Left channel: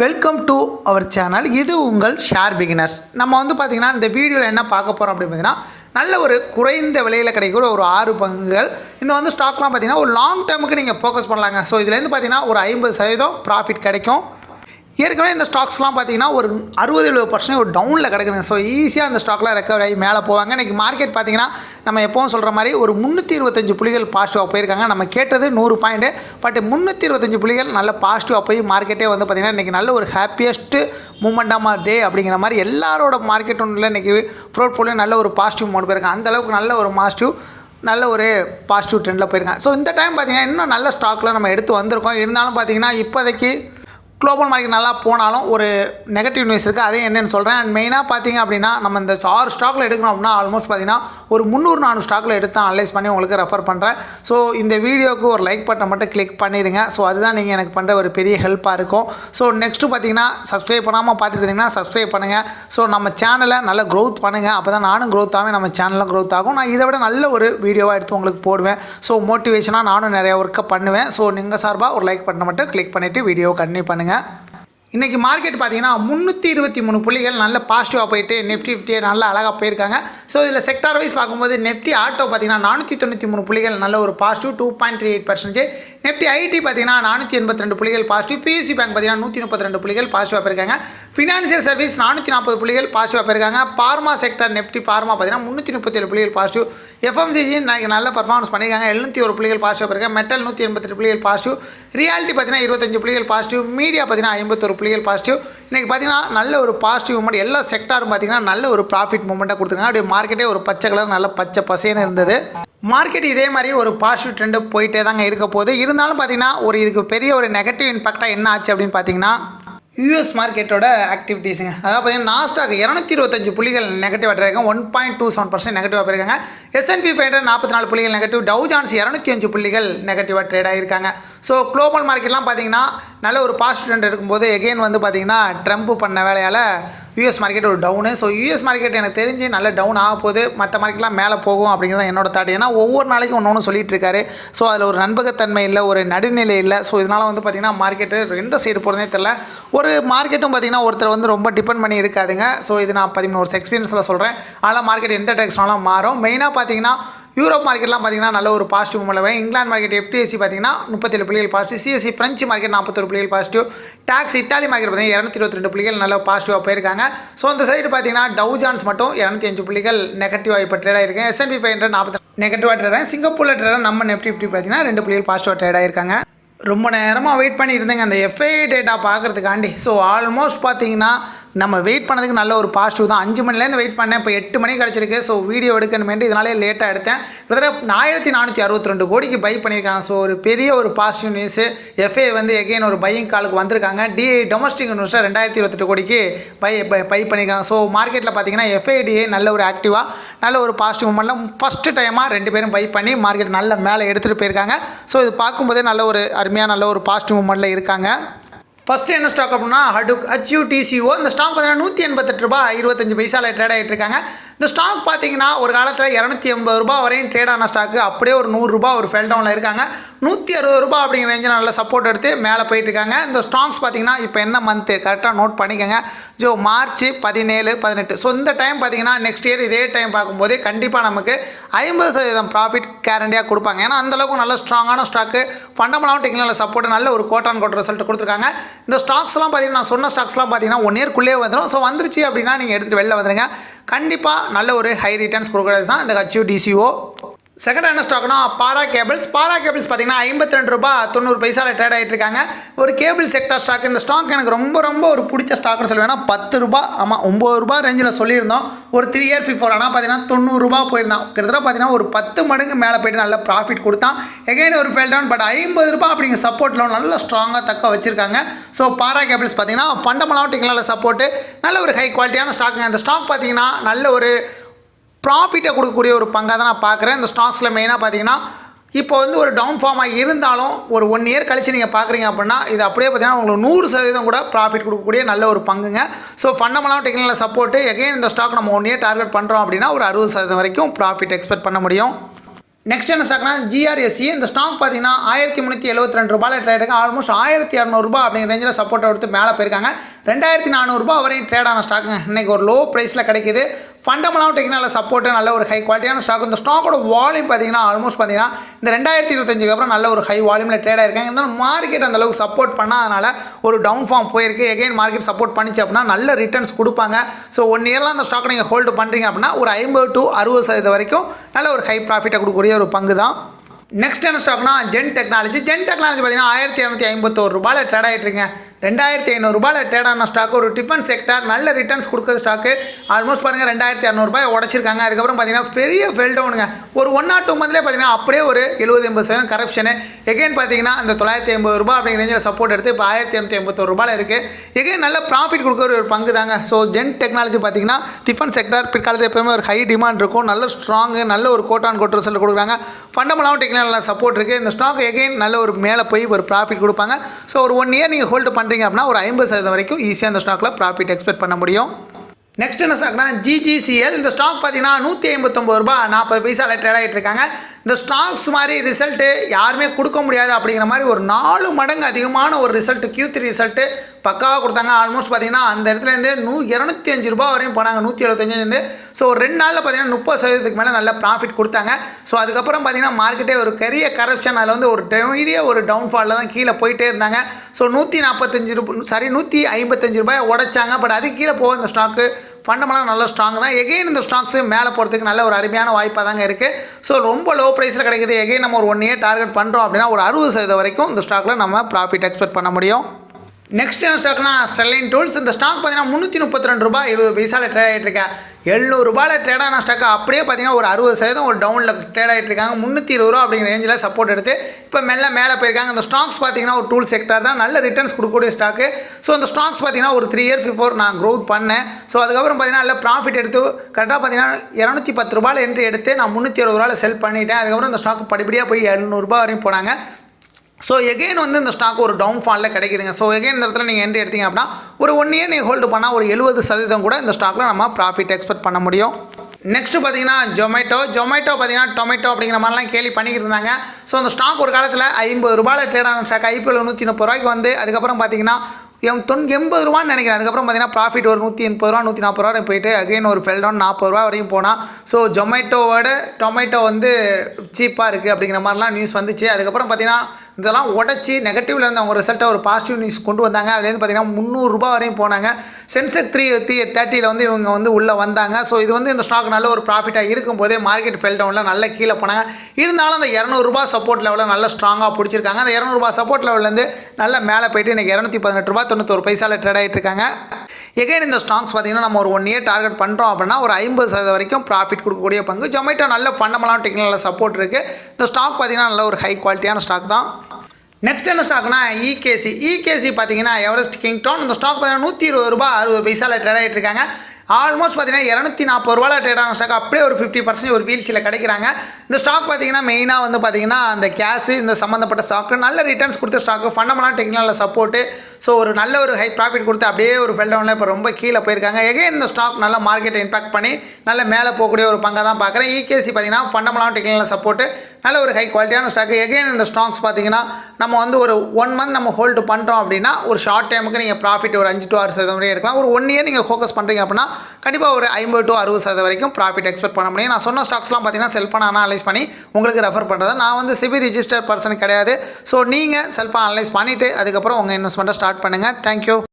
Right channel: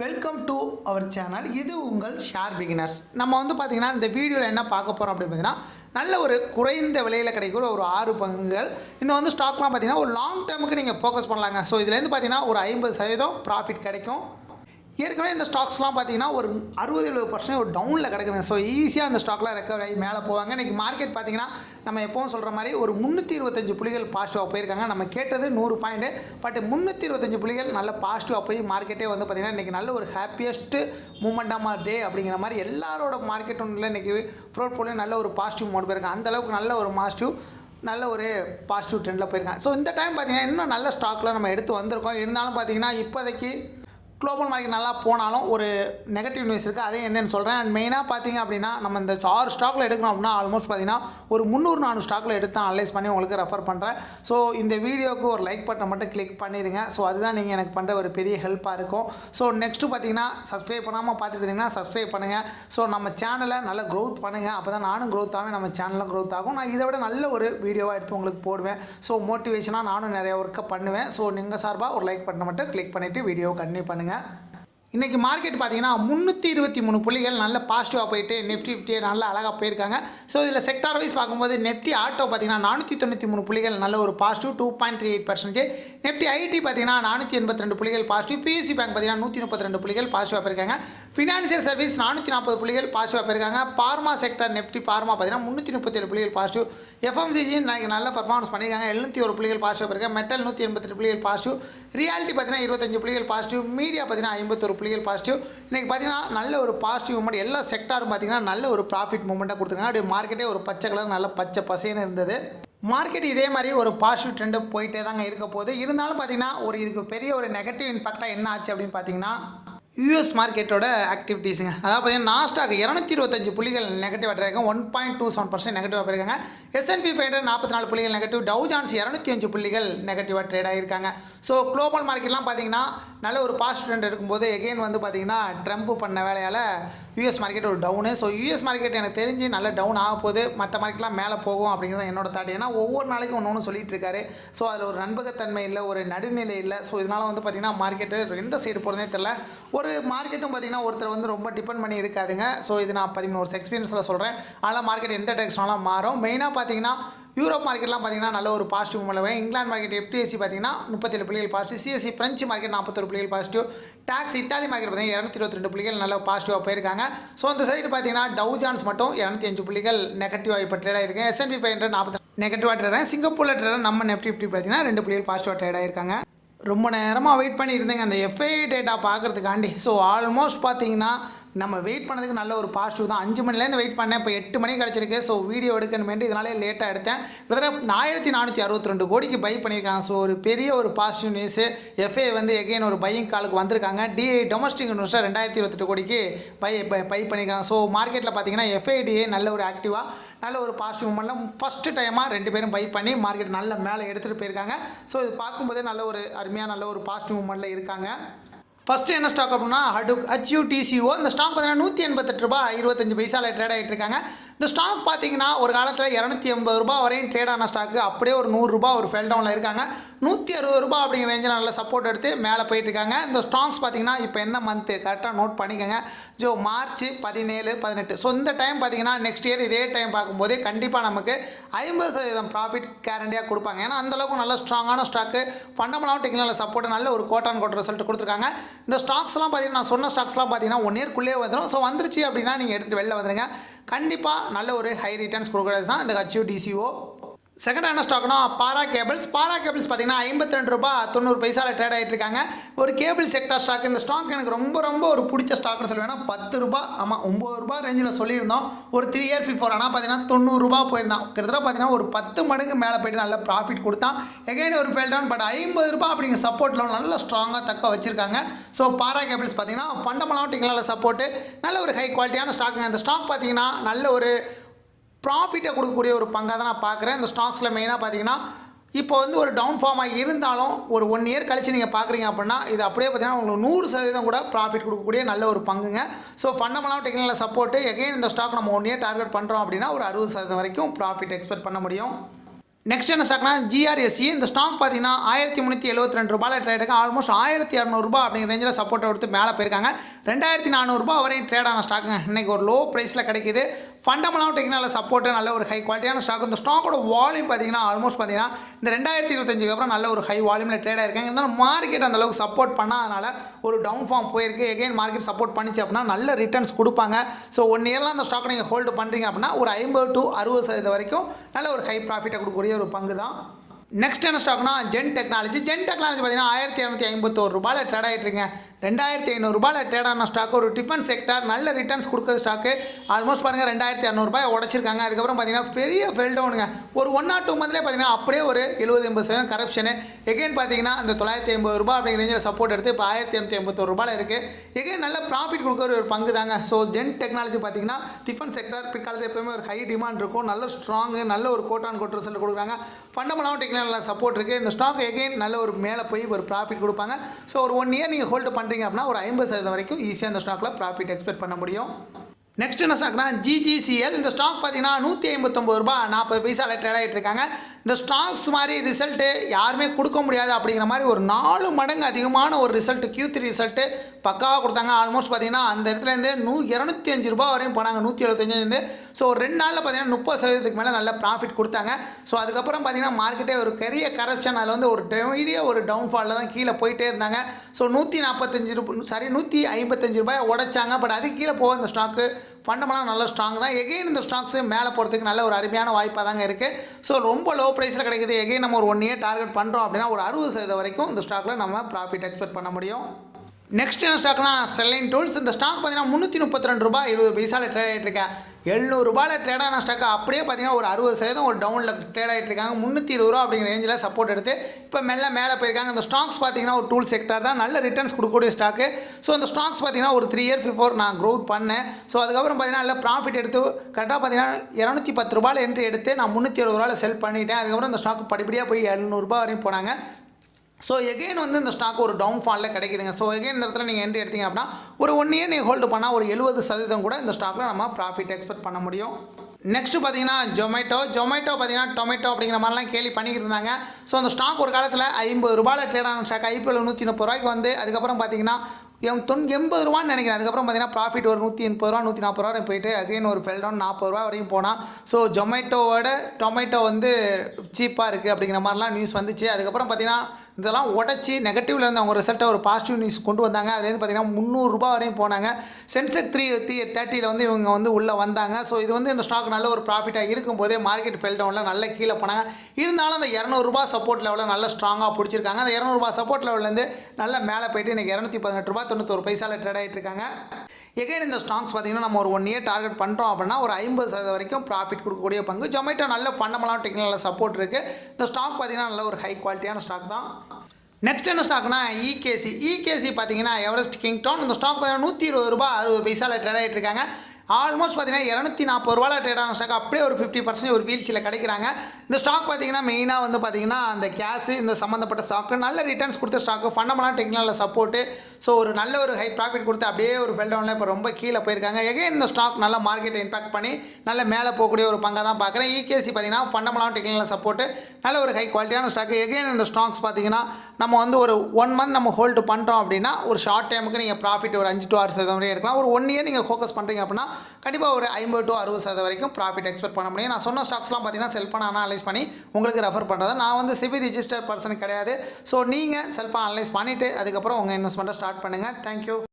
Welcome to our channel. இது உங்கள் share beginners. நம்ம பார்த்தீங்கன்னா இந்த வீடியோவில் என்ன பார்க்க போகிறோம் அப்படின்னு பார்த்தீங்கன்னா, நல்ல ஒரு குறைந்த விலையில் கிடைக்கிற ஒரு 6 பங்குகள். இந்த ஸ்டாக்லாம் பார்த்தீங்கன்னா ஒரு லாங் டேர்முக்கு நீங்கள் ஃபோக்கஸ் பண்ணலாங்க. ஸோ இதுலேருந்து பார்த்தீங்கன்னா ஒரு 50% ப்ராஃபிட் கிடைக்கும். ஏற்கனவே இந்த ஸ்டாக்ஸ்லாம் பார்த்தீங்கன்னா ஒரு 60-70% ஒரு டவுனில் கிடக்குதுங்க. ஸோ ஈஸியாக அந்த ஸ்டாக்லாம் ரெக்கவர் ஆகி மேலே போவாங்க. இன்றைக்கி மார்க்கெட் பார்த்தீங்கன்னா நம்ம எப்போவும் சொல்கிற மாதிரி ஒரு 325 புள்ளிகள் பாசிட்டிவாக போயிருக்காங்க. நம்ம கேட்டது 100 பாயிண்ட்டு, பட் 325 புள்ளிகள் நல்ல பாசிட்டிவாக போய் மார்க்கெட்டே பார்த்திங்கன்னா இன்றைக்கி நல்ல ஒரு ஹாப்பியஸ்ட்டு மூமெண்ட்டாக டே அப்படிங்கிற மாதிரி எல்லாரோட மார்க்கெட் ஒன்றில் இன்றைக்கி போர்ட்ஃபோலியோ நல்ல ஒரு பாசிட்டிவ் மோட் போயிருக்காங்க. அந்தளவுக்கு நல்ல ஒரு நல்ல ஒரு பாசிட்டிவ் ட்ரெண்டில் போயிருக்காங்க. ஸோ இந்த டைம் பார்த்திங்கன்னா இன்னும் நல்ல ஸ்டாக்கில் நம்ம எடுத்து வந்திருக்கோம். இருந்தாலும் பார்த்திங்கன்னா இப்போதைக்கு குளோபல் மார்க்கெட் நல்லா போனாலும் ஒரு நெகட்டிவ் நியூஸ் இருக்குது. அதே என்னென்னு சொல்கிறேன். அண்ட் மெயினாக பார்த்தீங்க அப்படின்னா நம்ம இந்த 6 ஸ்டாக்கில் எடுக்கிறோம் அப்படின்னா ஆல்மோஸ்ட் பார்த்தீங்கன்னா ஒரு 300-400 ஸ்டாக்கில் எடுத்து அனலைஸ் பண்ணி உங்களுக்கு ரெஃபர் பண்ணுறேன். ஸோ இந்த வீடியோவுக்கு ஒரு லைக் பட்டனை மட்டும் கிளிக் பண்ணிடுங்க. ஸோ அதுதான் நீங்கள் எனக்கு பண்ணுற ஒரு பெரிய ஹெல்ப்பாக இருக்கும். ஸோ நெக்ஸ்ட்டு பார்த்தீங்கன்னா சப்ஸ்கிரைப் பண்ணாமல் பார்த்துட்டு இருந்தீங்கன்னா சப்ஸ்கிரைப் பண்ணுங்கள். ஸோ நம்ம சேனலை நல்லா க்ரோத் பண்ணுங்கள். அப்போ தான் நானும் க்ரோத் ஆகும், நம்ம சேனலும் க்ரோத் ஆகும். நான் இதை விட நல்ல ஒரு வீடியோவாக எடுத்து உங்களுக்கு போடுவேன். ஸோ மோட்டிவேஷனாக நானும் நிறையா ஒர்க்கை பண்ணுவேன். ஸோ நீங்கள் சார்பாக ஒரு லைக் பட்டனை மட்டும் கிளிக் பண்ணிவிட்டு வீடியோ கண்டினியூ பண்ணுங்கள். இன்றைக்கி மார்க்கெட் பார்த்தீங்கன்னா 323 புள்ளிகள் நல்ல பாசிட்டிவாக போயிட்டு நிஃப்டி 50 நல்லா அழகாக போயிருக்காங்க. ஸோ இதில் செக்டார் வைஸ் பார்க்கும்போது நிஃப்டி ஆட்டோ பார்த்தீங்கன்னா 493 புள்ளிகள் நல்ல ஒரு பாசிட்டிவ் 2.38%. நிஃப்டி ஐடி பார்த்தீங்கன்னா 482 புள்ளிகள் பாசிட்டிவ். பிஎஸ்சி பேங்க் பார்த்தீங்கன்னா 132 புள்ளிகள் பாசிட்டிவாக போயிருக்காங்க. ஃபினான்ஷியல் சர்வீஸ் 440 புள்ளிகள் பாசிட்டிவாக போயிருக்காங்க. பார்மா செக்டர் நிஃப்டி பார்மா பார்த்தீங்கன்னா 337 புள்ளிகள் பாசிட்டிவ். எஃப்எம்சிஜி நல்ல பர்ஃபார்மன்ஸ் பண்ணியிருக்காங்க, 701 புள்ளிகள் பாசிட்டிவ் போயிருக்காங்க. மெட்டல் 188 புள்ளிகள் பாசிட்டிவ். ரியாலிட்டி பார்த்தீங்கன்னா 25 புள்ளிகள் பாசிட்டிவ். மீடியா பார்த்தீங்கன்னா 51 புள்ளிகள் பாசிட்டிவ். இன்றைக்கி பார்த்தீங்கன்னா நல்ல ஒரு பாசிட்டிவ் மூமெண்ட். எல்லா செக்டாரும் பார்த்தீங்கன்னா நல்ல ஒரு ப்ராஃபிட் மூமெண்ட்டாக கொடுத்துருக்காங்க. அப்படியே மார்க்கெட்டே ஒரு பச்சை கலர் நல்ல பச்சை பசேன்னு இருந்தது. மார்க்கெட் இதே மாதிரி ஒரு பாசிட்டிவ் ட்ரெண்டு போயிட்டே தாங்க இருக்க போகுது. இருந்தாலும் பார்த்தீங்கன்னா ஒரு இதுக்கு பெரிய ஒரு நெகட்டிவ் இம்பாக்டாக என்ன ஆச்சு அப்படின்னு பார்த்தீங்கன்னா யூஎஸ் மார்க்கெட்டோட ஆக்டிவிட்டீஸுங்க. அதாவது பார்த்தீங்கன்னா நாஸ்டாக் 225 புள்ளிகள் நெகட்டிவாக இருக்காங்க, 1.27% நெகட்டிவாக போயிருக்காங்க. S&P 500 44 புள்ளிகள் நெகட்டிவ். டவ் ஜான்ஸ் 205 புள்ளிகள் நெகட்டிவாக ட்ரேட் ஆகியிருக்காங்க. ஸோ குளோபல் மார்க்கெட்லாம் பார்த்தீங்கன்னா நல்ல ஒரு பாசிட்டிவ் ட்ரெண்ட் இருக்கும்போது எகெயின் பார்த்தீங்கன்னா ட்ரம்ப் பண்ண வேலையால் யூஎஸ் மார்க்கெட் ஒரு டவுனு. ஸோ யூஎஸ் மார்க்கெட் எனக்கு தெரிஞ்சு நல்ல டவுன் ஆக போகுது, மற்ற மார்க்கெட்லாம் மேலே போகும் அப்படிங்கிறது என்னோட தாட். ஏன்னா ஒவ்வொரு நாளைக்கும் ஒன்று சொல்லிட்டு இருக்காரு. ஸோ அதில் ஒரு நண்பகத்தன்மை இல்லை, ஒரு நடுநிலை இல்லை. ஸோ இதனால் பார்த்தீங்கன்னா மார்க்கெட்டு எந்த சைடு போகிறதே தெரில. ஒரு மார்க்கெட்டும் பார்த்தீங்கன்னா ஒருத்தர் ரொம்ப டிபெண்ட் பண்ணி இருக்காதுங்க. ஸோ இது நான் 13 வருஷம் எக்ஸ்பீரியன்ஸில் சொல்கிறேன். அதனால் மார்க்கெட் எந்த டைரக்ஷனாலும் மாறும். மெயினாக பார்த்தீங்கன்னா யூரோப் மார்க்கெட்லாம் பார்த்தீங்கன்னா நல்ல ஒரு பாசிட்டிவ் மூமெண்ட். இங்கிலாந்து மார்க்கெட் FTSE பார்த்தீங்கன்னா 37 புள்ளிகள் பாசிட்டிவ். CSE ஃப்ரெஞ்சு மார்க்கெட் 41 புள்ளிகள் பாசிட்டிவ். டாக்ஸ் இத்தாலி மார்க்கெட் பார்த்தீங்கன்னா 222 புள்ளிகள் நல்ல பாசிட்டிவாக போயிருக்காங்க. ஸோ அந்த சைடு பார்த்தீங்கன்னா டவ் ஜான்ஸ் மட்டும் 205 புள்ளிகள் நெகட்டிவாக இப்போ ட்ரேட் ஆகிருக்கேன். S&P 500 40 நெகட்டிவாக ட்ரேட் ஆகும். சிங்கப்பூரில் ட்ரேட் நம்ம நிஃப்டி 50 பார்த்தீங்கன்னா 2 புள்ளிகள் பாசிட்டிவாக ட்ரேட் ஆகிருக்காங்க. ரொம்ப நேரமாக வெயிட் பண்ணி இருந்தேங்க அந்த FII டேட்டா பார்க்குறதுக்காண்டி. ஸோ ஆல்மோஸ்ட் பார்த்தீங்கன்னா நம்ம வெயிட் பண்ணதுக்கு நல்ல ஒரு பாசிட்டிவ் தான். 5 மணிலேருந்து வெயிட் பண்ணேன், இப்போ 8 மணி கிடச்சிருக்கு. ஸோ வீடியோ எடுக்கணுமேட்டு இதனாலே லேட்டாக எடுத்தேன். கிட்டத்தட்ட 1462 கோடிக்கு பை பண்ணியிருக்காங்க. ஸோ ஒரு பெரிய ஒரு பாசிட்டிவ் நியூஸு. FII எகெயின் ஒரு பையிங் காலுக்கு வந்திருக்காங்க. DI டொமஸ்டிக் இன்வெஸ்டர் 2028 கோடிக்கு பை பண்ணியிருக்காங்க. ஸோ மார்க்கெட்டில் பார்த்தீங்கன்னா FIDA நல்ல ஒரு ஆக்டிவாக நல்ல ஒரு பாசிட்டிவ் மூமெண்ட்டில் ஃபஸ்ட்டு டைமாக 2 பேரும் பை பண்ணி மார்க்கெட் நல்ல மேலே எடுத்துகிட்டு போயிருக்காங்க. ஸோ இது பார்க்கும்போதே நல்ல ஒரு அருமையாக நல்ல ஒரு பாசிட்டிவ் மூமெண்ட்டில் இருக்காங்க. ஃபஸ்ட்டு என்ன ஸ்டாக் அப்படின்னா HUTCO. இந்த ஸ்டாக் பார்த்தீங்கன்னா 188 ரூபாய் 25 பைசாவில் ட்ரேட் ஆகிட்டு இருக்காங்க. இந்த ஸ்டாக் பார்த்தீங்கன்னா ஒரு காலத்தில் 280 ரூபா வரையும் ட்ரேட் ஆன ஸ்டாக்கு அப்படியே ஒரு 100 ரூபா ஒரு ஃபெல் டவுனில் இருக்காங்க. 160 ரூபா அப்படிங்கிற ரேஞ்சில் நல்ல சப்போர்ட் எடுத்து மேலே போயிட்டுருக்காங்க. இந்த ஸ்டாக்ஸ் பார்த்தீங்கன்னா இப்போ என்ன மந்த்து கரெக்டாக நோட் பண்ணிக்கோங்க. மார்ச் 17, 18. ஸோ இந்த டைம் பார்த்தீங்கன்னா நெக்ஸ்ட் இயர் இதே டைம் பார்க்கும்போது கண்டிப்பாக நமக்கு 50% ப்ராஃபிட் கேரண்டியாக கொடுப்பாங்க. ஏன்னா அந்தளவுக்கு நல்ல ஸ்ட்ராங்கான ஸ்டாக்கு, ஃபண்டமெண்டலாகவும் டெக்னிக்கல் சப்போர்ட் நல்ல ஒரு கோட் ரிசல்ட் கொடுத்துருக்காங்க. இந்த ஸ்டாக்ஸ்லாம் பார்த்தீங்கன்னா நான் சொன்ன ஸ்டாக்ஸ்லாம் பார்த்தீங்கன்னா 1 இயர்க்குள்ளே வந்துடும். ஸோ வந்துருச்சு அப்படின்னா நீங்கள் எடுத்துகிட்டு வெளில வந்துடுங்க. கண்டிப்பாக நல்ல ஒரு ஹை ரிட்டர்ன்ஸ் கொடுக்குறது தான் இந்த HUTCO. செகண்ட் என்ன ஸ்டாக்னா பாரா கேபிள்ஸ் பார்த்தீங்கன்னா 52 ரூபாய் 90 பைசாவில் ட்ரேட் ஆகிட்டு இருக்காங்க. ஒரு கேபிள் செக்டர் ஸ்டாக். இந்த ஸ்டாக் எனக்கு ரொம்ப ஒரு பிடிச்ச ஸ்டாக்னு சொல்லுவேன். 10 ரூபாய், ஆமாம் 9 ரூபாய் ரேஞ்சில் சொல்லியிருந்தோம் ஒரு 3 இயர் பிஃபோர். ஆனால் பார்த்தீங்கன்னா 90 ரூபா போயிருந்தான். கிட்டத்தட்ட பார்த்தீங்கன்னா ஒரு 10 மடங்கு மேலே போய்ட்டு நல்ல ப்ராஃபிட் கொடுத்தான். எகைன் ஒரு ஃபெல் டவுன், பட் 50 ரூபாய் அப்படிங்கிற சப்போர்ட்டில் நல்ல ஸ்ட்ராங்காக தக்க வச்சிருக்காங்க. ஸோ பாரா கேபிள்ஸ் பார்த்தீங்கன்னா ஃபண்டமெண்டலாகவும் டெக்னிக்கல் சப்போர்ட்டு நல்ல ஒரு ஹை குவாலிட்டியான ஸ்டாக்குங்க. இந்த ஸ்டாக் பார்த்தீங்கன்னா நல்ல ஒரு ப்ராஃபிட்டை கொடுக்கக்கூடிய ஒரு பங்காக தான் நான் பார்க்குறேன். இந்த ஸ்டாக்ஸில் மெயினாக பார்த்தீங்கன்னா இப்போ ஒரு டவுன் ஃபார்மாக இருந்தாலும் ஒரு 1 இயர் கழிச்சு நீங்கள் பார்க்குறீங்க அப்படின்னா இது அப்படியே பார்த்தீங்கன்னா உங்களுக்கு 100% கூட ப்ராஃபிட் கொடுக்கக்கூடிய நல்ல ஒரு பங்குங்க. ஸோ ஃபண்டமெண்டலாக டெக்னிக்கல் சப்போர்ட்டு எகைன் இந்த ஸ்டாக் நம்ம 1 இயர் டார்கெட் பண்ணுறோம் அப்படின்னா ஒரு 60% வரைக்கும் ப்ராஃபிட் எக்ஸ்பெக்ட் பண்ண முடியும். நெக்ஸ்ட் என்ன ஸ்டாக்னா ஜிஆர்எஸ்சி. இந்த ஸ்டாக் பார்த்தீங்கன்னா 1372 ரூபாயில் ட்ரேட் இருக்குது. ஆல்மோஸ்ட் 1200 அப்படிங்கிற ரேஞ்சில் சப்போர்ட் எடுத்து மேலே போயிருக்காங்க. 2400 வரையும் ட்ரேட் ஆன ஸ்டாக்குங்க. இன்றைக்கி ஒரு லோ ப்ரைஸில் கிடைக்கிது. ஃபண்டமெண்டலாகவும் டெக்னிக்கல் சப்போர்ட்டு நல்ல ஒரு ஹை குவாலிட்டியான ஸ்டாக். இந்த ஸ்டாக்கோட வால்யூம் பார்த்தீங்கன்னா ஆல்மோஸ்ட் பார்த்தீங்கன்னா இந்த 2025 அப்புறம் நல்ல ஒரு ஹை வால்யூமில் ட்ரேட் ஆயிருக்காங்க. இருந்தாலும் மார்க்கெட் அந்த அளவுக்கு சப்போர்ட் பண்ணாதனால ஒரு டவுன் ஃபார்ம் போயிருக்கு. எகைன் மார்க்கெட் சப்போர்ட் பண்ணிச்சு அப்படின்னா நல்ல ரிட்டர்ன்ஸ் கொடுப்பாங்க. ஸோ 1 இயர்லாம் அந்த ஸ்டாக் நீங்கள் ஹோல்டு பண்ணுறீங்க அப்படின்னா ஒரு 50 to 60% வரைக்கும் நல்ல ஒரு ஹை ப்ராஃபிட்டை கொடுக்கக்கூடிய ஒரு பங்கு தான். நெக்ஸ்ட் என்ன ஸ்டாக்னா ஜென் டெக்னாலஜி. ஜென் டெக்னாலஜி பார்த்தீங்கன்னா 1251 ரூபாயில் ட்ரேட் ஆகிட்டு இருக்குங்க. 2500 ரூபாயில் ட்ரேட் ஆன ஸ்டாக். ஒரு டிஃபென்ஸ் செக்டர் நல்ல ரிட்டர்ன்ஸ் கொடுக்குற ஸ்டாக்கு. ஆல்மோஸ்ட் பாருங்கள் 2200 ரூபாய் உடச்சிருக்காங்க. அதுக்கப்புறம் பார்த்தீங்கன்னா பெரிய ஃபெல்டவுனுங்க. ஒரு 1 or 2 மந்த்லேயே பார்த்தீங்கன்னா அப்படியே ஒரு 70-80% கரப்ஷனு. எகைன் பார்த்தீங்கன்னா அந்த 950 ரூபாய் அப்படிங்கிற ரேஞ்சில் சப்போர்ட் எடுத்து இப்போ 1281 ரூபாயில் இருக்குது. எகைன் நல்ல ப்ராஃபிட் கொடுக்குற ஒரு பங்கு தாங்க. ஸோ ஜென் டெக்னாலஜி பார்த்தீங்கன்னா டிஃபென்ஸ் செக்டர் பிற்காலத்தில் எப்போயுமே ஒரு ஹை டிமாண்ட் இருக்கும். நல்ல ஸ்ட்ராங்கு நல்ல ஒரு கோட் ஆன் கோட் ரிசல்ட் கொடுக்குறாங்க. ஃபண்டமெண்டலாகவும் டெக்னிக்கல் சப்போர்ட் இருக்குது. இந்த ஸ்டாக் எகைன் நல்ல ஒரு மேலே போய் ஒரு ப்ராஃபிட் கொடுப்பாங்க. ஸோ ஒரு 1 இயர் நீங்கள் ஹோல்டு பண்ணுறீங்க அப்படின்னா ஒரு 50% வரைக்கும் ஈஸியாக இந்த ஸ்டாக்கில் ப்ராஃபிட் எக்ஸ்பெக்ட் பண்ண முடியும். நெக்ஸ்ட் என்ன ஸ்டாக்னா ஜிஜிசிஎல். இந்த ஸ்டாக் பார்த்தீங்கன்னா 159 ரூபாய் 40 பைசாவில் ட்ரேட் ஆகிட்டு இருக்காங்க. இந்த ஸ்டாக்ஸ் மாதிரி ரிசல்ட்டு யாருமே கொடுக்க முடியாது அப்படிங்கிற மாதிரி ஒரு 4 மடங்கு அதிகமான ஒரு ரிசல்ட்டு Q3 ரிசல்ட்டு பக்காவாக கொடுத்தாங்க. ஆல்மோஸ்ட் பார்த்தீங்கன்னா அந்த இடத்துலேருந்து 205 ரூபா வரையும் போனாங்க. 175. ஸோ ஒரு 2 நாளில் பார்த்தீங்கன்னா 30% மேலே நல்ல ப்ராஃபிட் கொடுத்தாங்க. ஸோ அதுக்கப்புறம் பார்த்தீங்கன்னா மார்க்கெட்டே ஒரு பெரிய கரப்ஷன். அதில் வந்து ஒரு பெரிய ஒரு டவுன்ஃபாலில் தான் கீழே போயிட்டே இருந்தாங்க. ஸோ 155 ரூபாயை உடைச்சாங்க. பட் அது கீழே போக இந்த ஸ்டாக்கு ஃபண்டமெண்டலாக நல்ல ஸ்ட்ராங் தான். எகைன் இந்த ஸ்டாக்ஸு மேலே போகிறதுக்கு நல்ல ஒரு அருமையான வாய்ப்பாக தாங்க இருக்குது. ஸோ ரொம்ப லோ ப்ரைஸில் கிடைக்குது. எகைன் நம்ம ஒரு 1 இயர் டார்கெட் பண்ணுறோம் அப்படின்னா ஒரு 60% வரைக்கும் இந்த ஸ்டாக்கில் நம்ம ப்ராஃபிட் எக்ஸ்பெக்ட் பண்ண முடியும். நெக்ஸ்ட் என்ன ஸ்டாக்னா ஸ்டெர்லைன் டூல்ஸ். இந்த ஸ்டாக் பார்த்தீங்கன்னா 332 ரூபாய் 20 பைசாவில் ட்ரேட் ஆகிட்டு இருக்கேன். 700 ரூபாயில் ட்ரேட் ஆன ஸ்டாக் அப்படியே பார்த்தீங்கன்னா ஒரு 60% ஒரு டவுனில் ட்ரேட் ஆகிட்டு இருக்காங்க. 320 ரூபா அப்படிங்கிற ரேஞ்சில் சப்போர்ட் எடுத்து இப்போ மேலே போயிருக்காங்க. இந்த ஸ்டாக்ஸ் பார்த்தீங்கன்னா ஒரு டூல் செக்டர் தான். நல்ல ரிட்டர்ன்ஸ் கொடுக்கக்கூடிய ஸ்டாக்கு. ஸோ இந்த ஸ்டாக்ஸ் பார்த்தீங்கன்னா ஒரு 3 இயர் பிஃபோர் நான் க்ரோத் பண்ணேன். ஸோ அதுக்கப்புறம் பார்த்தீங்கன்னா நல்ல ப்ராஃபிட் எடுத்து கரெக்டாக பார்த்தீங்கன்னா 210 ரூபாயில் என்ட்ரி எடுத்து நான் 360 ரூபாயில் செல் பண்ணிட்டேன். அதுக்கப்புறம் இந்த ஸ்டாக் படிப்படியாக போய் 700 ரூபாய் வரையும் போனாங்க. ஸோ எகைன் வந்து இந்த ஸ்டாக் ஒரு டவுன் ஃபாலில் கிடைக்குதுங்க. ஸோ எகைன் இந்த இடத்துல நீங்கள் என்ட்ரி எடுத்தீங்க அப்படின்னா ஒரு 1 இயர் நீங்கள் ஹோல்டு பண்ணால் ஒரு 70% கூட இந்த ஸ்டாக்கில் நம்ம ப்ராஃபிட் எக்ஸ்பெக்ட் பண்ண முடியும். நெக்ஸ்ட்டு பார்த்தீங்கன்னா ஜொமேட்டோ பார்த்தீங்கன்னா டொமேட்டோ அப்படிங்கிற மாதிரிலாம் கேள்வி பண்ணிக்கிட்டு இருந்தாங்க. ஸோ அந்த ஸ்டாக் ஒரு காலத்தில் 50 ரூபாயில் ட்ரேட் ஆன ஸ்டாக் IPO 130 ரூபாய்க்கு வந்து அதுக்கப்புறம் பார்த்தீங்கன்னா 80 ரூபான்னு நினைக்கிறேன். அதுக்கப்புறம் பார்த்தீங்கன்னா ப்ராஃபிட் ஒரு 180 ரூபா 140 ரூபா போயிட்டு அகைன் ஒரு ஃபெல் டவுன் 40 ரூபா வரையும் போனால். ஸோ ஜொமேட்டோவோட டொமேட்டோ வந்து சீப்பாக இருக்குது அப்படிங்கிற மாதிரிலாம் நியூஸ் வந்துச்சு. அதுக்கப்புறம் பார்த்தீங்கன்னா இதெல்லாம் உடச்சி நெகட்டிவ்ல இருந்து அவங்க ரிசல்ட்டை ஒரு பாசிட்டிவ் நியூஸ் கொண்டு வந்தாங்க. அதுலேருந்து பார்த்தீங்கன்னா 300 ரூபா வரையும் போனாங்க. சென்செக்ஸ் 330 வந்து இவங்க வந்து உள்ளே வந்தாங்க. ஸோ இது வந்து இந்த ஸ்டாக் நல்ல ஒரு ப்ராஃபிட்டாக இருக்கும்போதே மார்க்கெட் ஃபெல் டவுனில் நல்ல கீழே போனாங்க. இருந்தாலும் அந்த 200 ரூபா சப்போர்ட் லெவலில் நல்ல ஸ்ட்ராங்காக பிடிச்சிருக்காங்க. அந்த 200 ரூபா சப்போர்ட் லெவலேருந்து நல்ல மேலே போயிட்டு இன்றைக்கி 218 ரூபா 91 பைசாவில் ட்ரேட் ஆகிட்டு இருக்காங்க. எகைன் இந்த ஸ்டாக்ஸ் பார்த்தீங்கன்னா நம்ம ஒரு 1 இயர் டார்கெட் பண்ணுறோம் அப்படின்னா ஒரு 50% வரைக்கும் ப்ராஃபிட் கொடுக்கக்கூடிய பங்கு. ஜொமேட்டோ நல்ல ஃபண்டமெண்டலாக டெக்னிக்கல் சப்போர்ட் இருக்குது. இந்த ஸ்டாக் பார்த்தீங்கன்னா நல்ல ஒரு ஹை குவாலிட்டியான ஸ்டாக் தான். நெக்ஸ்ட் என்ன ஸ்டாக்னா இகேசி பார்த்தீங்கன்னா எவரெஸ்ட் கிங்டவுன். இந்த ஸ்டாக் பார்த்தீங்கன்னா 120 ரூபா 60 பைசாவில் ட்ரேட் ஆகிட்டு இருக்காங்க. ஆல்மோஸ்ட் பார்த்தீங்கன்னா 240 ரூபாயில் ட்ரேட் ஆன ஸ்டாக் அப்படியே ஒரு 50% ஒரு வீழ்ச்சியில் கிடைக்கிறாங்க. இந்த ஸ்டாக் பார்த்தீங்கன்னா மெயினாக வந்து பார்த்தீங்கன்னா அந்த கேஸு இந்த சம்மந்தப்பட்ட ஸ்டாக்கு நல்ல ரிட்டர்ன்ஸ் கொடுத்த ஸ்டாக்கு ஃபண்டமெண்டலாக டெக்னிக்கல் சப்போர்ட்டு. ஸோ ஒரு நல்ல ஒரு ஹை ப்ராஃபிட் கொடுத்து அப்படியே ஒரு ஃபெல் டவுனில் இப்போ ரொம்ப கீழே போயிருக்காங்க. எகைன் இந்த ஸ்டாக் நல்ல மார்க்கெட்டை இம்பாக்ட் பண்ணி நல்ல மேலே போகக்கூடிய ஒரு பங்கை தான் பார்க்குறேன். இகேசி பார்த்தீங்கன்னா ஃபண்டமெண்டலாக டெக்னிக்கல் சப்போர்ட்டு நல்ல ஒரு ஹை குவாலிட்டியான ஸ்டாக்கு. எகைன் இந்த ஸ்டாக்ஸ் பார்த்தீங்கன்னா நம்ம வந்து ஒரு 1 மந்த் நம்ம ஹோல்டு பண்ணுறோம் அப்படின்னா ஒரு ஷார்ட் டைமுக்கு நீங்கள் ப்ராஃபிட் ஒரு 5 to 6% வரையும் எடுக்கலாம். ஒரு 1 இயர் நீங்கள் ஃபோக்கஸ் பண்ணுறீங்க அப்படின்னா கண்டிப்பாக ஒரு 50 to 60% வரைக்கும் ப்ராஃபிட் எக்ஸ்பெக்ட் பண்ண முடியும். நான் சொன்ன ஸ்டாக்ஸ்லாம் பார்த்தீங்கன்னா செல்ஃபாக அனலைஸ் பண்ணி உங்களுக்கு ரெஃபர் பண்ணுறது. நான் வந்து சிபி ரிஜிஸ்டர் பர்சன் கிடையாது. ஸோ நீங்கள் செல்ஃபாக அனலைஸ் பண்ணிவிட்டு அதுக்கப்புறம் உங்கள் இன்வெஸ்ட்மெண்ட்டை ஸ்டார்ட் பண்ணுங்கள். தேங்க்யூ.